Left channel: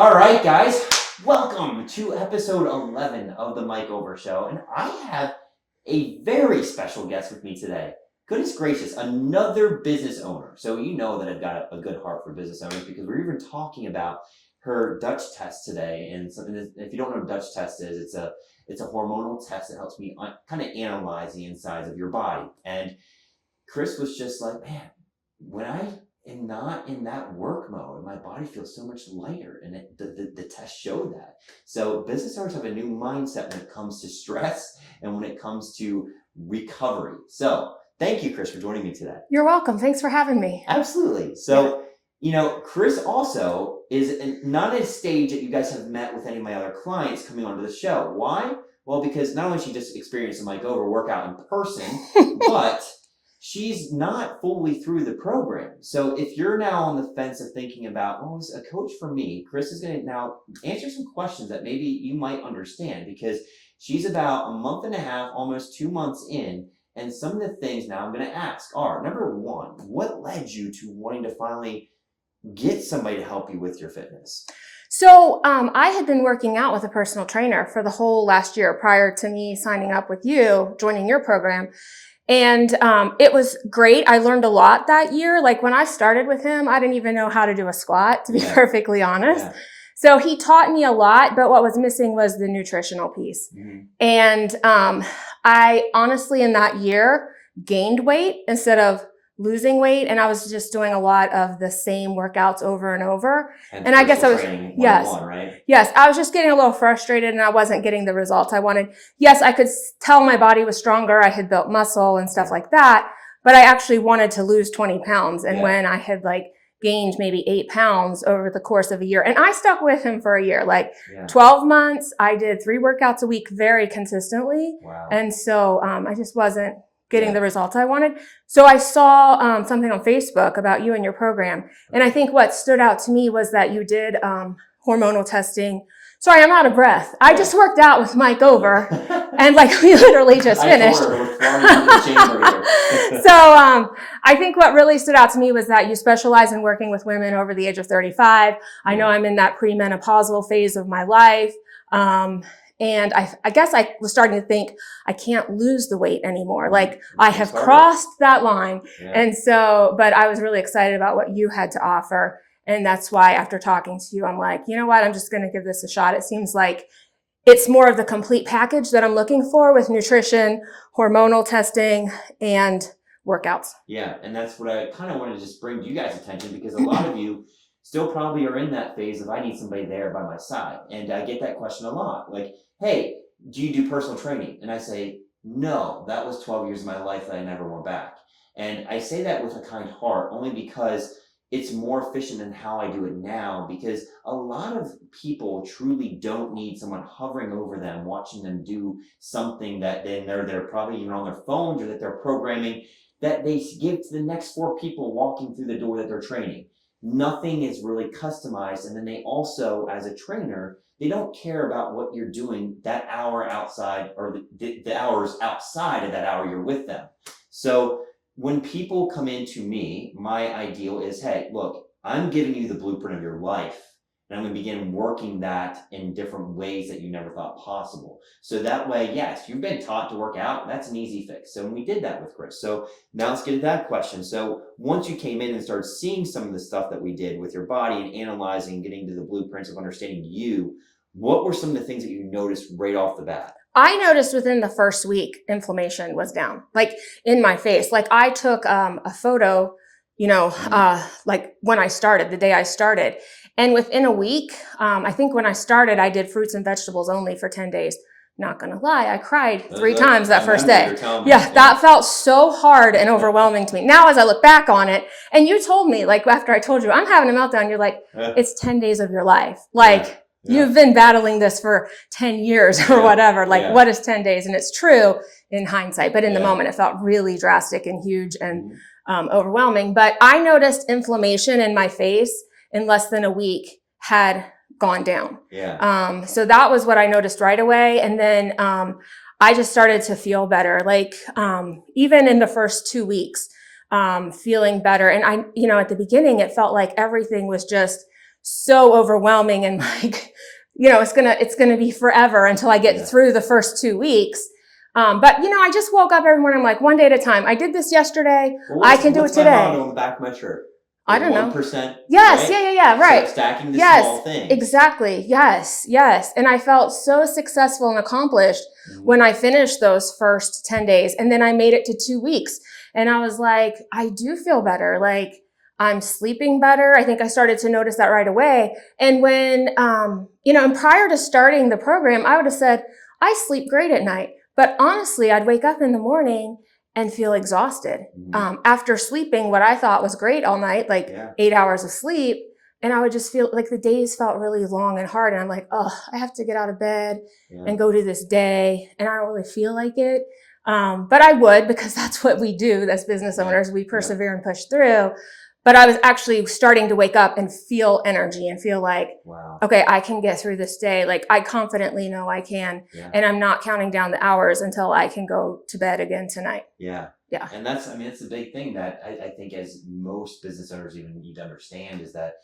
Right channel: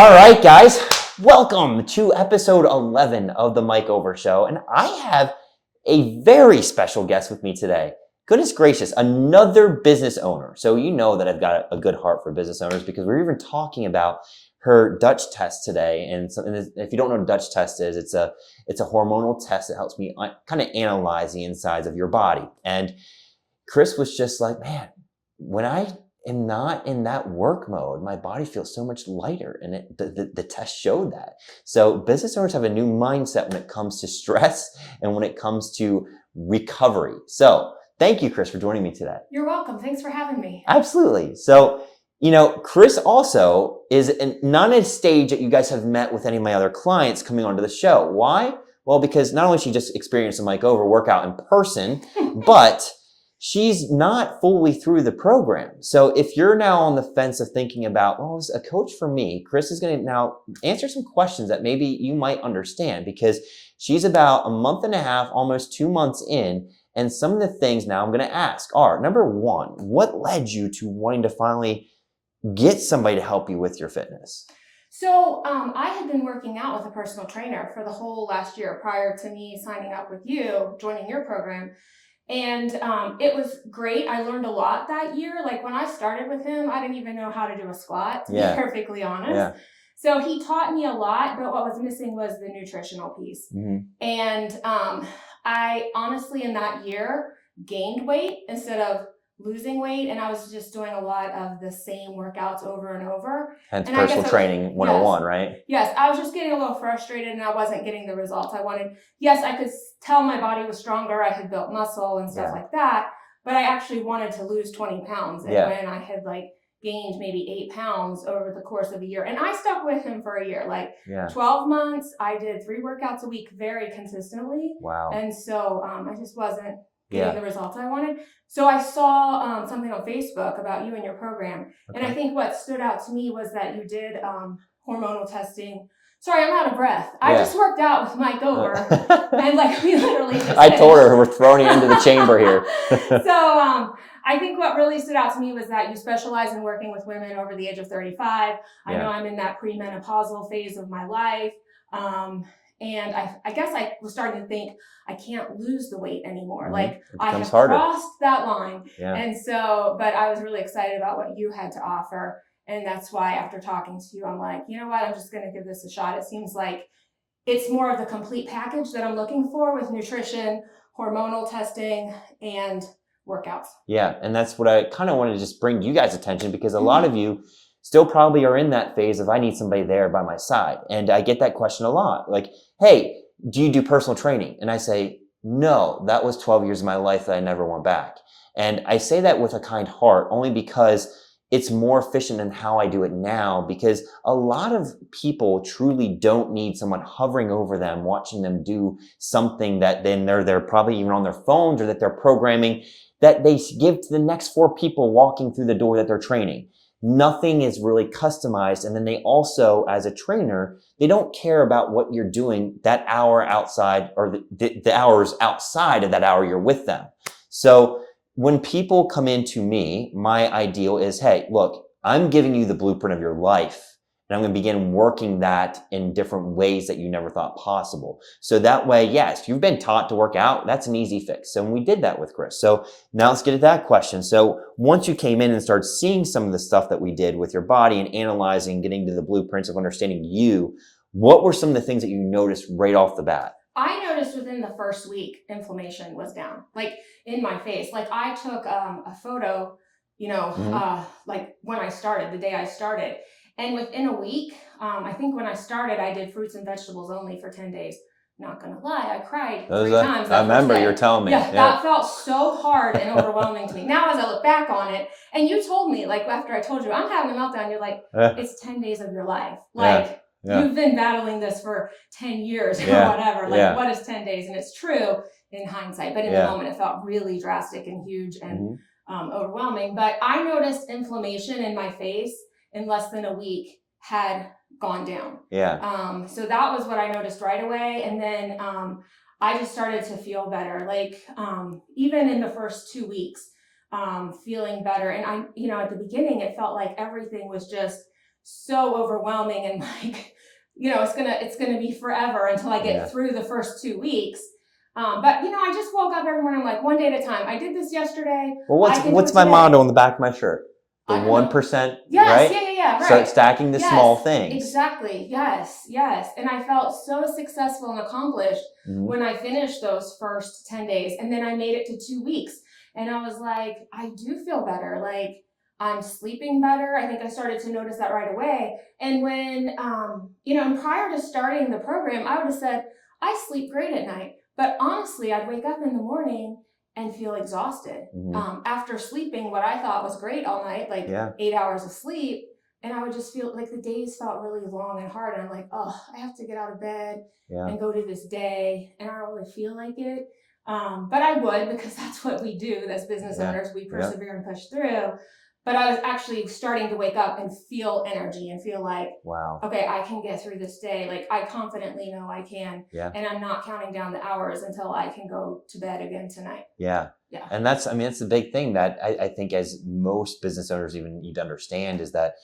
All right, guys, welcome to episode 11 of the Mike Over Show. And I have a very special guest with me today. Goodness gracious, another business owner. So you know that I've got a good heart for business owners because we're even talking about her Dutch test today. And if you don't know what a Dutch test is, it's a hormonal test that helps me kind of analyze the insides of your body. And Chris was just like, man, when I am not in that work mode, my body feels so much lighter, and the test showed that. So business owners have a new mindset when it comes to stress and when it comes to recovery. So thank you, Chris, for joining me today. You're welcome. Thanks for having me. Absolutely. So, Chris also is not at a stage that you guys have met with any of my other clients coming onto the show. Why? Well, because not only she just experienced a Mike Over workout in person, but she's not fully through the program. So if you're now on the fence of thinking about, oh, is a coach for me? Chris is going to now answer some questions that maybe you might understand, because she's about a month and a half, almost 2 months in. And some of the things now I'm going to ask are, number one, what led you to wanting to finally get somebody to help you with your fitness? So I had been working out with a personal trainer for the whole last year prior to me signing up with you, joining your program. And it was great. I learned a lot that year. Like when I started with him, I didn't even know how to do a squat, to be perfectly honest. Yeah. So he taught me a lot, but what was missing was the nutritional piece. Mm-hmm. And I honestly, in that year, gained weight instead of losing weight. And I was just doing a lot of the same workouts over and over. And I guess I was training 101, right? Yes. I was just getting a little frustrated and I wasn't getting the results I wanted. Yes, I could tell my body was stronger. I had built muscle and stuff like that, but I actually wanted to lose 20 pounds. And when I had gained maybe 8 pounds over the course of a year, and I stuck with him for a year, 12 months, I did 3 workouts a week very consistently. Wow. And so I just wasn't getting the results I wanted. So I saw something on Facebook about you and your program. Okay. And I think what stood out to me was that you did hormonal testing. Sorry, I'm out of breath. I just worked out with Mike Over and we literally just finished. I told her we're throwing it into the chamber here. So I think what really stood out to me was that you specialize in working with women over the age of 35. I know I'm in that premenopausal phase of my life. And I guess I was starting to think I can't lose the weight anymore. I have crossed that line. Yeah. And so, but I was really excited about what you had to offer. And that's why after talking to you, I'm like, you know what? I'm just going to give this a shot. It seems like it's more of the complete package that I'm looking for with nutrition, hormonal testing, and workouts. Yeah. And that's what I kind of wanted to just bring you guys' attention, because a lot of you still probably are in that phase of I need somebody there by my side. And I get that question a lot. Like, hey, do you do personal training? And I say, no, that was 12 years of my life that I never went back. And I say that with a kind heart only because it's more efficient than how I do it now, because a lot of people truly don't need someone hovering over them, watching them do something that then they're probably even on their phones or that they're programming that they give to the next 4 people walking through the door that they're training. Nothing is really customized. And then they also, as a trainer, they don't care about what you're doing that hour outside or the hours outside of that hour you're with them. So when people come into me, my ideal is, hey, look, I'm giving you the blueprint of your life. And I'm going to begin working that in different ways that you never thought possible. So that way, yes, if you've been taught to work out, that's an easy fix. So we did that with Chris. So now let's get at that question. So once you came in and started seeing some of the stuff that we did with your body and analyzing, getting to the blueprints of understanding you, what were some of the things that you noticed right off the bat? I noticed within the first week, inflammation was down, in my face. I took a photo, when I started, the day I started. And within a week, I think when I started, I did fruits and vegetables only for 10 days. Not going to lie, I cried 3 times that first day. You're telling me. Yeah, that felt so hard and overwhelming to me. Now, as I look back on it, and you told me, after I told you, I'm having a meltdown, you're like, it's 10 days of your life. You've been battling this for 10 years or whatever. What is 10 days? And it's true in hindsight, but in the moment, it felt really drastic and huge and overwhelming. But I noticed inflammation in my face in less than a week had gone down. Yeah. So that was what I noticed right away. And then I just started to feel better. Even in the first 2 weeks, feeling better. And at the beginning, it felt like everything was just so overwhelming and like, it's gonna be forever until I get through the first 2 weeks. But I just woke up every morning. I'm like, one day at a time. I did this yesterday. Well, I can do it what's my today. motto on the back of my shirt? The I don't know. 1%. Yes, right? yeah, right. Start stacking the small things. Exactly. Yes. And I felt so successful and accomplished when I finished those first 10 days. And then I made it to 2 weeks. And I was like, I do feel better. Like, I'm sleeping better. I think I started to notice that right away. And when, and prior to starting the program, I would have said, I sleep great at night. But honestly, I'd wake up in the morning and feel exhausted after sleeping what I thought was great all night, like 8 hours of sleep. And I would just feel like the days felt really long and hard. And I'm like, oh, I have to get out of bed and go to this day. And I don't really feel like it. But I would, because that's what we do as business owners. We persevere and push through. But I was actually starting to wake up and feel energy and feel like, wow, okay, I can get through this day. Like, I confidently know I can. And I'm not counting down the hours until I can go to bed again tonight. Yeah. And that's the big thing that I think as most business owners even need to understand is that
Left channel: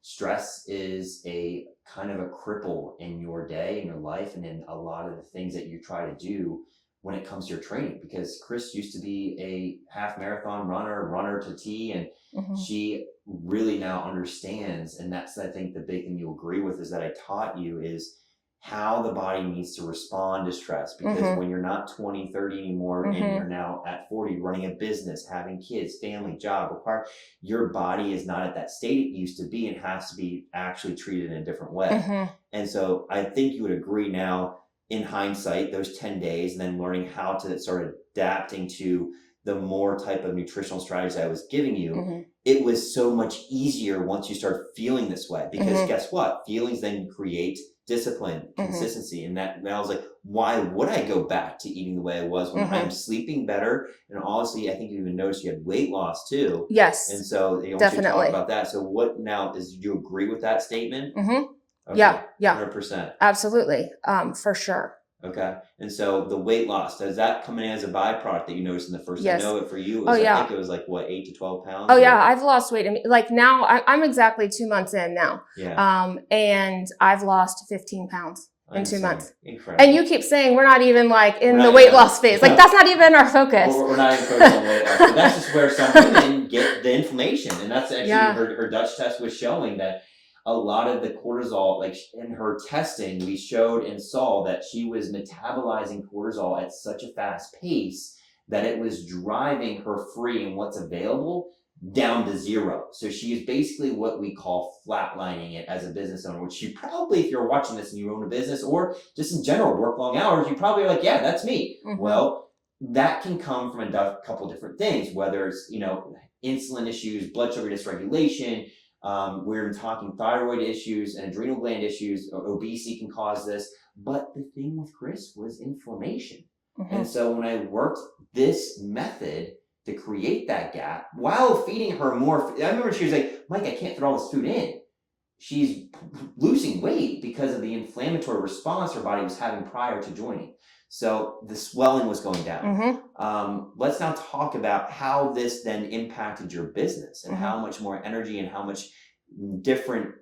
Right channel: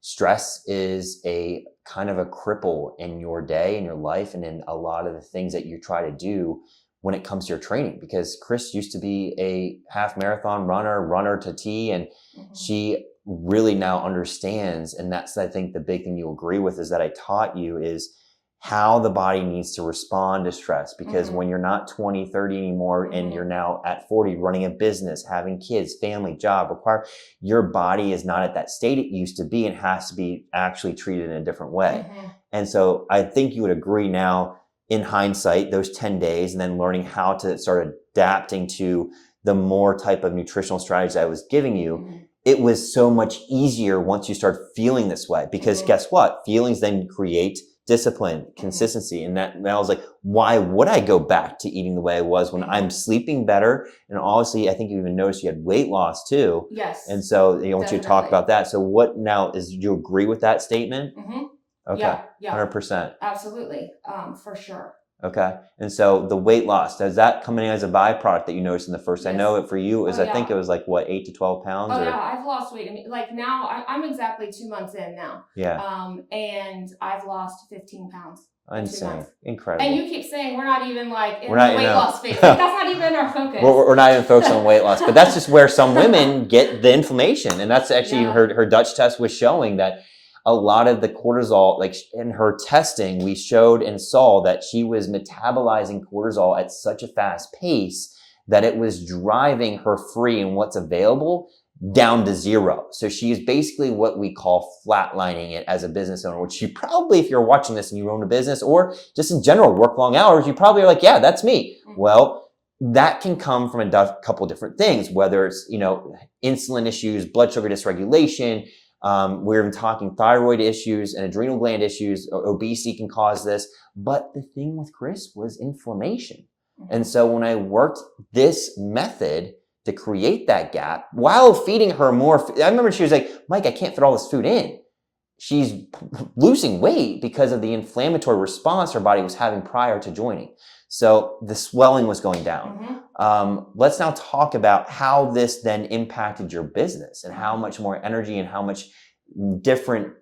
stress is a kind of a cripple in your day, in your life, and in a lot of the things that you try to do when it comes to your training. Because Chris used to be a half marathon runner to T, and she really now understands. And that's, I think, the big thing you agree with is that I taught you is how the body needs to respond to stress. Because when you're not 20, 30 anymore, and you're now at 40, running a business, having kids, family, job, your body is not at that state it used to be and has to be actually treated in a different way. And so I think you would agree now, in hindsight, those 10 days, and then learning how to start adapting to the more type of nutritional strategies I was giving you, it was so much easier once you start feeling this way. Because guess what? Feelings then create discipline, consistency. And that I was like, why would I go back to eating the way I was when I'm sleeping better? And honestly, I think you even noticed you had weight loss too. Yes. And so once you talk about that, so what now do you agree with that statement? Okay. Yeah. 100%. Absolutely. For sure. Okay. And so the weight loss, does that come in as a byproduct that you noticed in the first? I know it for you, I think it was like what, 8 to 12 pounds? Yeah. I've lost weight. Like now I'm exactly 2 months in now. Yeah. And I've lost 15 pounds in 2 months. Incredible. And you keep saying we're not even like in the weight loss phase. Like that's not even our focus. We're not even focused on weight loss, but that's just where some women get the inflammation. And that's actually her Dutch test was showing that a lot of the cortisol, like in her testing, we showed and saw that she was metabolizing cortisol at such a fast pace that it was driving her free and what's available down to zero. So she is basically what we call flatlining it as a business owner, which you probably, if you're watching this and you own a business or just in general work long hours, you probably are like, yeah, that's me. Well, that can come from a couple different things, whether it's, insulin issues, blood sugar dysregulation. We're even talking thyroid issues and adrenal gland issues. Obesity can cause this. But the thing with Chris was inflammation. And so when I worked this method to create that gap while feeding her more, I remember she was like, Mike, I can't fit all this food in. She's losing weight because of the inflammatory response her body was having prior to joining. So the swelling was going down. Let's now talk about how this then impacted your business and how much more energy and how much different,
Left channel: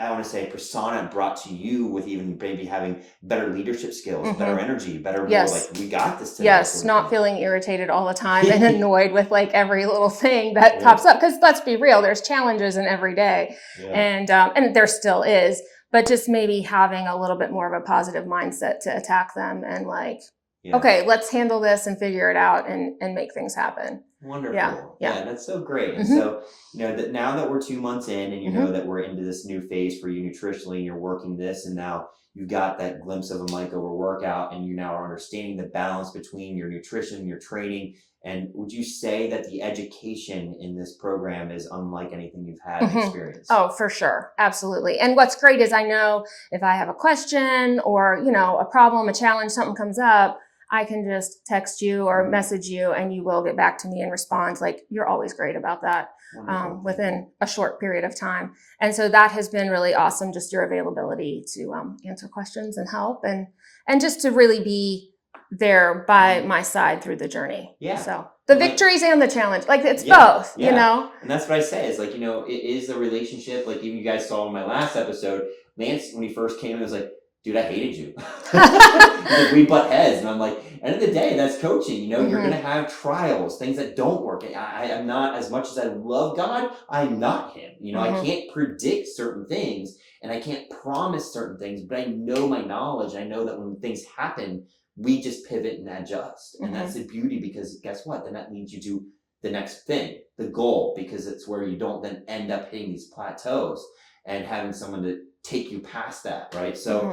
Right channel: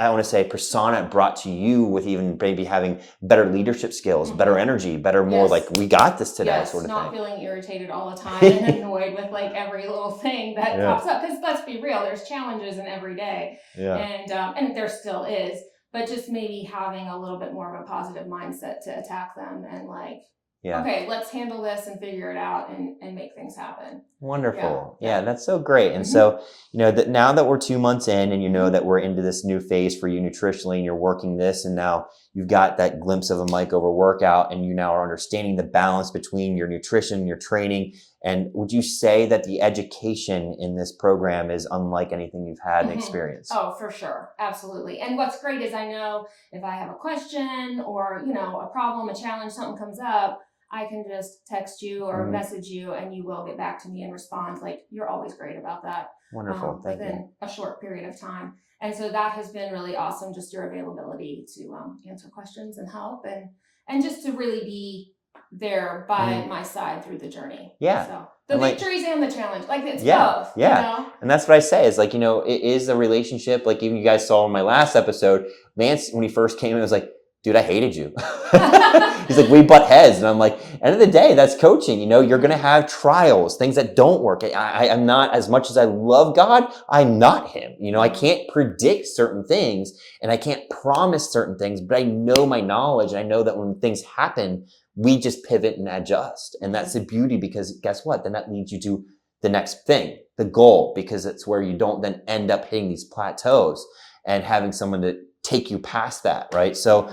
I want to say, persona it brought to you with even maybe having better leadership skills, better energy, more like, we got this today. Yes, not feeling irritated all the time and annoyed with like every little thing that pops up. Because let's be real, there's challenges in every day. And there still is. But just maybe having a little bit more of a positive mindset to attack them and like, okay, let's handle this and figure it out and make things happen. Wonderful. Yeah, that's so great. And so, that now that we're 2 months in and you know that we're into this new phase for you nutritionally and you're working this, and now you've got that glimpse of a Mike over workout and you now are understanding the balance between your nutrition, your training. And would you say that the education in this program is unlike anything you've had and experienced? Oh, for sure. Absolutely. And what's great is I know if I have a question or, a problem, a challenge, something comes up, I can just text you or message you and you will get back to me and respond. Like, you're always great about that. Wonderful. Within a short period of time. And so that has been really awesome. Just your availability to answer questions and help and just to really be there by my side through the journey. Yeah. So The And, like, victories and the challenge. Like, it's yeah, both, yeah. you know? And that's what I say is like, you know, it is a relationship. Like even you guys saw in my last episode, Lance, when he first came in, was like, dude, I hated you. He's like, we butt heads. And I'm like, end of the day, that's coaching. You know, you're going to have trials, things that don't work. I'm not, as much as I love God, I'm not him. You know, I can't predict certain things and I can't promise certain things, but I know my knowledge. And I know that when things happen, we just pivot and adjust. And that's the beauty, because guess what? Then that leads you to the next thing, the goal, because it's where you don't then end up hitting these plateaus and having someone to take you past that, right? So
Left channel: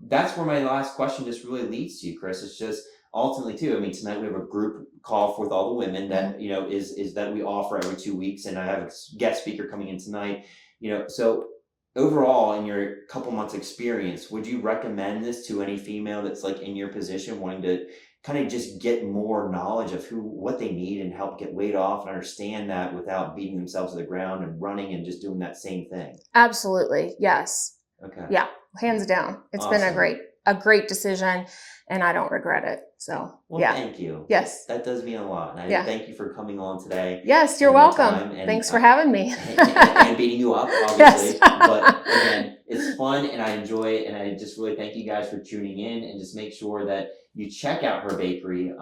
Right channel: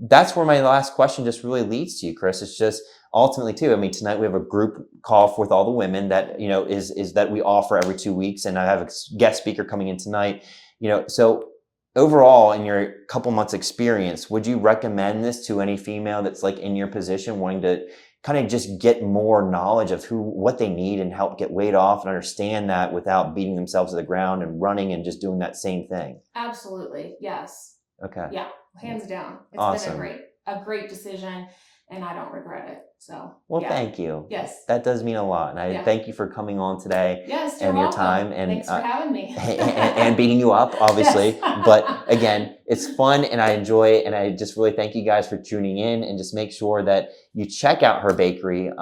that's where my last question just really leads to you, Chris. It's just ultimately too, I mean, tonight we have a group call with all the women that, you know, is that we offer every 2 weeks. And I have a guest speaker coming in tonight, you know, so overall in your couple months experience, would you recommend this to any female that's like in your position wanting to kind of just get more knowledge of what they need and help get weight off and understand that without beating themselves to the ground and running and just doing that same thing? Absolutely. Yes. Okay. Yeah. Hands down. It's been a great decision and I don't regret it. So, well, thank you. Yes. That does mean a lot. And I thank you for coming on today. Yes, you're welcome. Thanks for having me. and beating you up, obviously. But again, it's fun and I enjoy it. And I just really thank you guys for tuning in, and just make sure that you check out her bakery.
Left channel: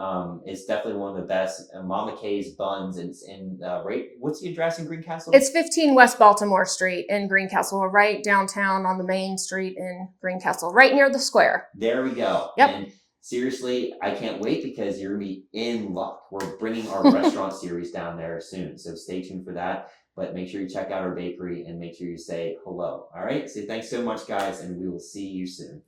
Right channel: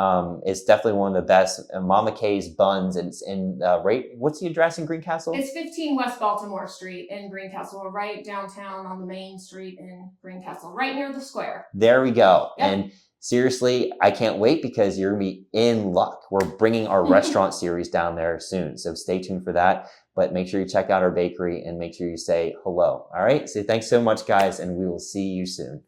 It's definitely one of the best. Mama K's Buns. And it's in what's the address in Greencastle? It's 15 West Baltimore Street in Greencastle. We're right downtown on the main street in Greencastle, right near the square. There we go. Yep. And seriously, I can't wait, because you're going to be in luck. We're bringing our restaurant series down there soon. So stay tuned for that. But make sure you check out our bakery and make sure you say hello. All right. So thanks so much, guys. And we will see you soon.